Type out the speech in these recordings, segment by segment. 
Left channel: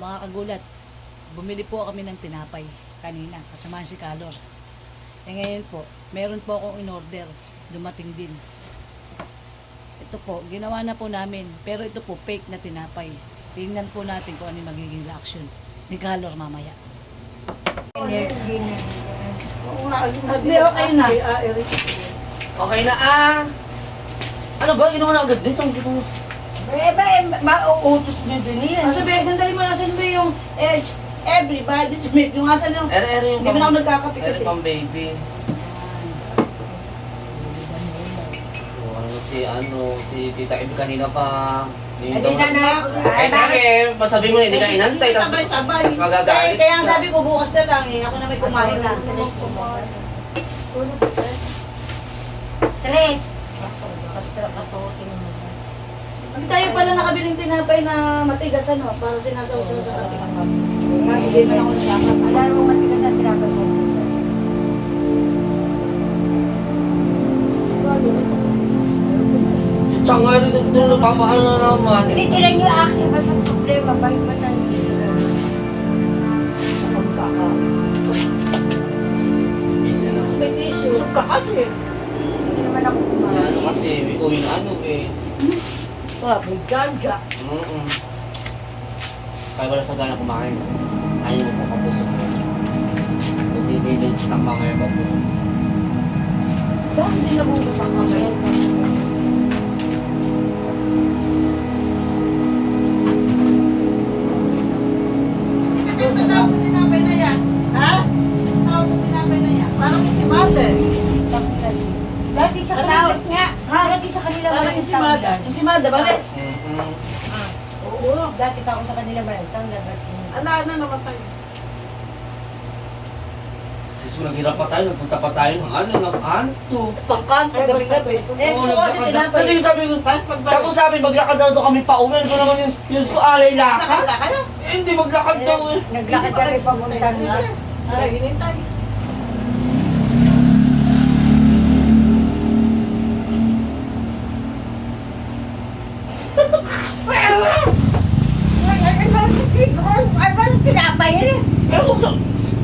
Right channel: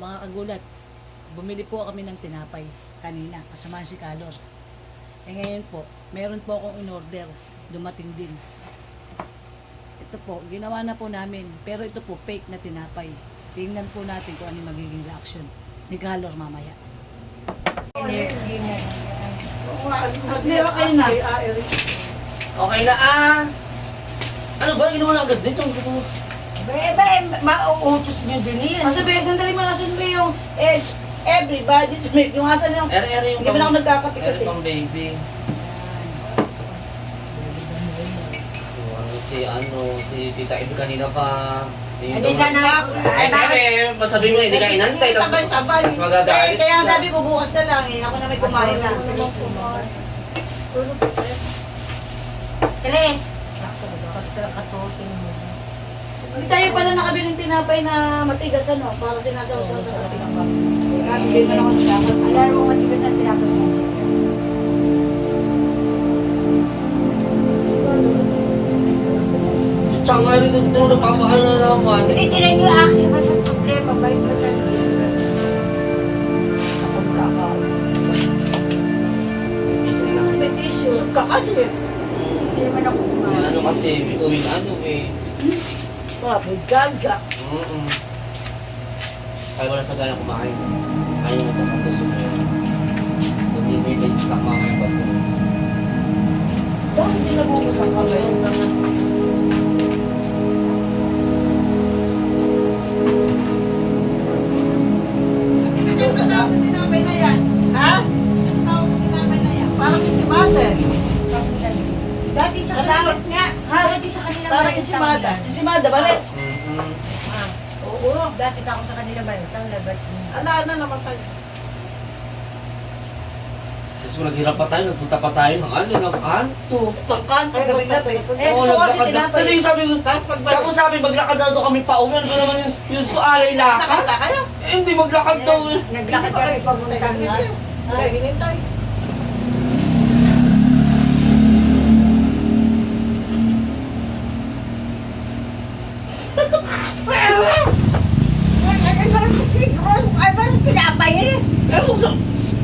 Makakagulat. Bumili po kami ng tinapay kanina, kasama si Kalor. Eh ngayon po, meron po akong in-order. Dumating din. Ito po, ginawa na po namin. Pero ito po, fake na tinapay. Tingnan po natin kung ano magiging reaction ni Kalor mamaya. Okay na. Okay na Ano ba? Ginawa na agad dito. Mauutos niyo din yan. Ang sabihin, kung dali mo nasin mo yung everybody's milk. Yung asan yung... Ere-ere yung Hindi ba na ako nagkakape kasi? pang baby. Si Tita Ib kanina pa. Hindi sana. Sabi, masabi mo hindi ka inantay. Tapos magagalit. Kaya ang sabi ko, bukas na lang eh. Ako na may kumain na. Tres. Hindi tayo pala nakabiling tinapay na matigas ano, para sinasaw-saw sa kape. Kaso din na ako nagkakap. Alam mo matigas na tinapay mo. Tsaka nga rin ito nagpapaano naman. Hindi tinan niyo akin. Ba't ang problema? Bakit ba nandito? Sa pagkakaw. Hindi sila na. May tissue. Busog ka kasi. Hindi naman ako kumain. Ano kasi, bituin May gaga. Kaya wala sa gana kumain. Ayaw mo pa gusto mo yun. Hindi may snack mga ngayon ba po? Bakit hindi nag-uubos ang kamay? Ha? Parang si Mother. Dati sa kanila. Nga. Dati sa kanila. Parang si Mother. Yung si Mada, balik. Oo. Dati ka ako sa kanila ba? Ala na naman tayo. Gusto naghirap pa tayo, nagpunta pa tayo ng ng kanto. Pagkanto, gabi-gabi. Eh, gusto ko kasi tinapay. Kasi yung sabi ko, tapos sabi, maglakad daw doon kami pa uwi. Ano naman yung sualay lakad? Nakala kayo? Eh, hindi maglakad daw eh. Naglakad kami papunta nga. Hinintay. Ay, ba tinapay rin? Pero kung sa,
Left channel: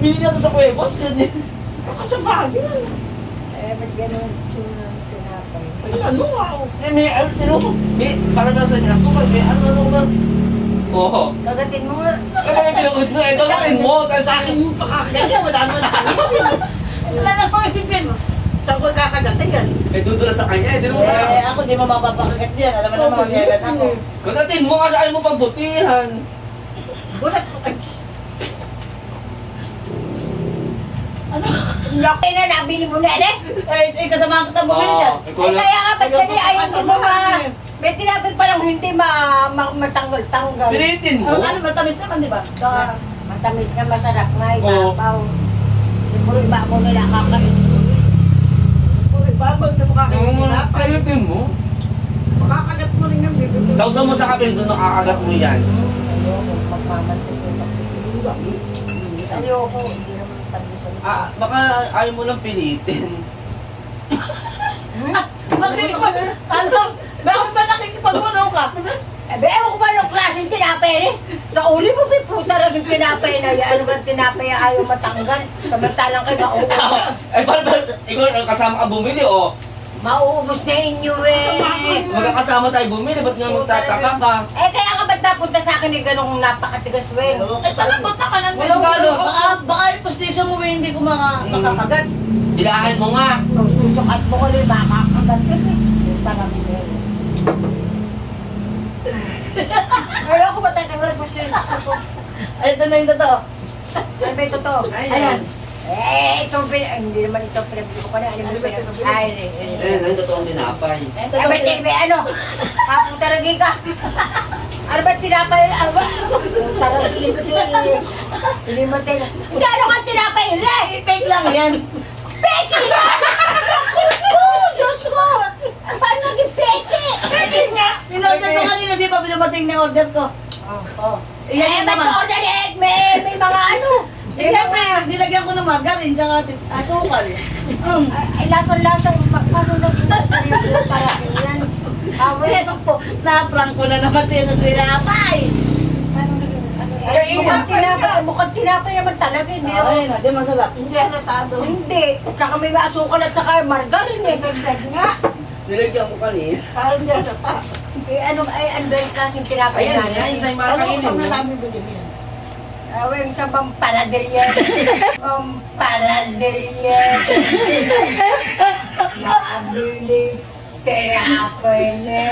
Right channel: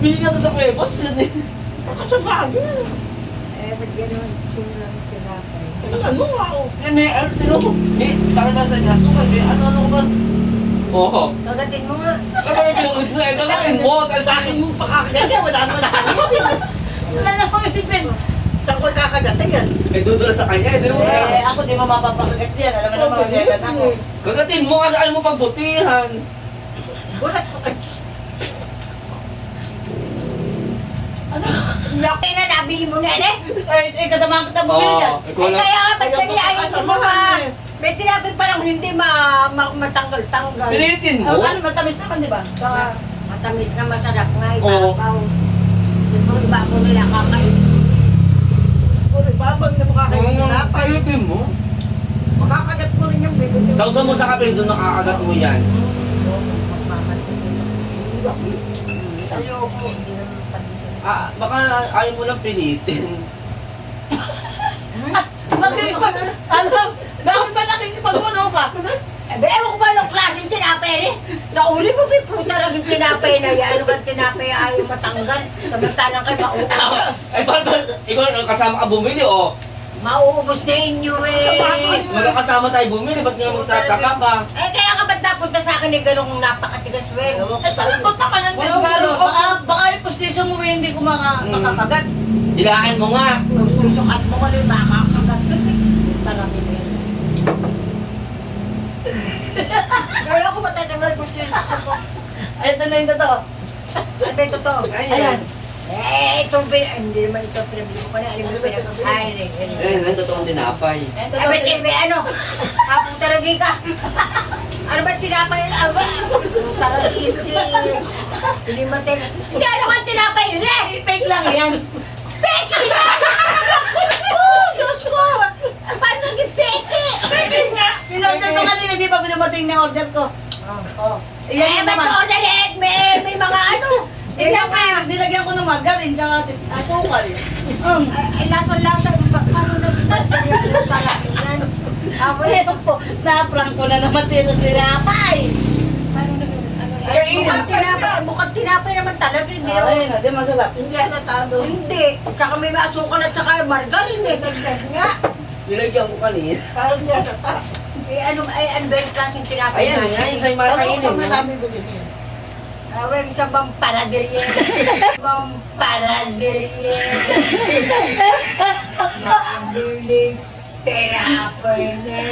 hindi nga sa kuwebos yun eh. Ako sa bagay. Ba't gano'n tinapay? Ano nga ako? Eh, may ano, tinuro ko, parang nasa niya, sukay, may ano ka. Oo. Kagatin mo nga. Kapag pinag-ulit mo, gagawin mo. Sa akin yung pakakagat, wala mo na kanya. Wala na akong ipin. Saan ko kakagatin yan? Eh, dudula sa kanya, eh, di naman na. Eh, ako di mo mapapakagat yan. Alam mo naman, magagat ako. Kagatin mo kasi ayaw mo pagbutihan. Bulat ko kay... Ano? Laki na nabili mo na eh. Eh, kasama kita bumili dyan. Oo, Ay, kaya nga ba't kanya ayaw ko mo ma... May tinapay pa lang hindi matanggal-tanggal. Pilitin mo. Ano, matamis naman, di ba? Saka, Matamis nga masarap nga, Oo. ibabaw. Siyempre ibabaw nila kakain. Puro ibabaw na makakain Pilitin mo. Makakagat mo rin yung bibig. Sausaw mo sa kapil, doon nakakagat mo yan. Ayoko, hindi naman pandesal. Baka ayaw mo lang pilitin. bakit ba? Alam, bakit ba nakikipagpuno ka? Ewan ko ba anong klaseng tinapay rin? Sa uli mo, may pruta rin yung tinapay na yan. Ano ba tinapay ayaw matanggal? Samantalang kayo mauubos. Ay, ikaw kasama ka bumili, oh. Mauubos na inyo eh. Magkakasama tayo bumili, ba't ngayon magtataka ka? Eh kaya nga ba't napunta sa akin eh ganong napakatigas wen? Eh, saan punta ka ng Mesgalo? Baka yung postisyon mo hindi ko makakagat. Dilahin mo nga. Susukat mo ko rin, makakagat ka eh. Parang din. Kaya ko matatagal mo sa ko. Ay, ito na yung totoo. Ano ba ito to? Ayan. Ito, hindi naman ito pinabili ko pa na. Ay, Eh, nang totoong tinapay. Ayan, Ay, totoo. may TV, ano? Kapong taragi ka. Ano ba tinapay? Aba, taragi ka. Hindi mo tinapay. Gano'n ka tinapay? Re! Fake lang yan. Peke yan! Oh, Diyos ko! Paano naging peke? Peke nga! Pinorder ko kanina, di ba pinumating na order ko? Oh. Eh, Iyan ba't naman. order eh? May mga ano? Eh, siyempre, nilagyan ko ng margarine, tsaka asukal. Ay, lasang-lasang. Paano naging yung parang yan? Ewan po, na-prank ko na naman siya sa tinapay. Paano naging ano Mukhang tinapay naman talaga. Hindi naman. Ayun na, di masarap. Hindi natado. Hindi. Tsaka may asukal at tsaka margarine eh. Dagdag nga. Nilagyan ko kanina. Parang hindi natata. Ano ba yung klaseng tinapay Ayan, natin? yan, sa Ano makainin kung mo. nasabi ko din yun? Aweng sa Pampaladeria. Pampaladeria. Mabili tinapay niya.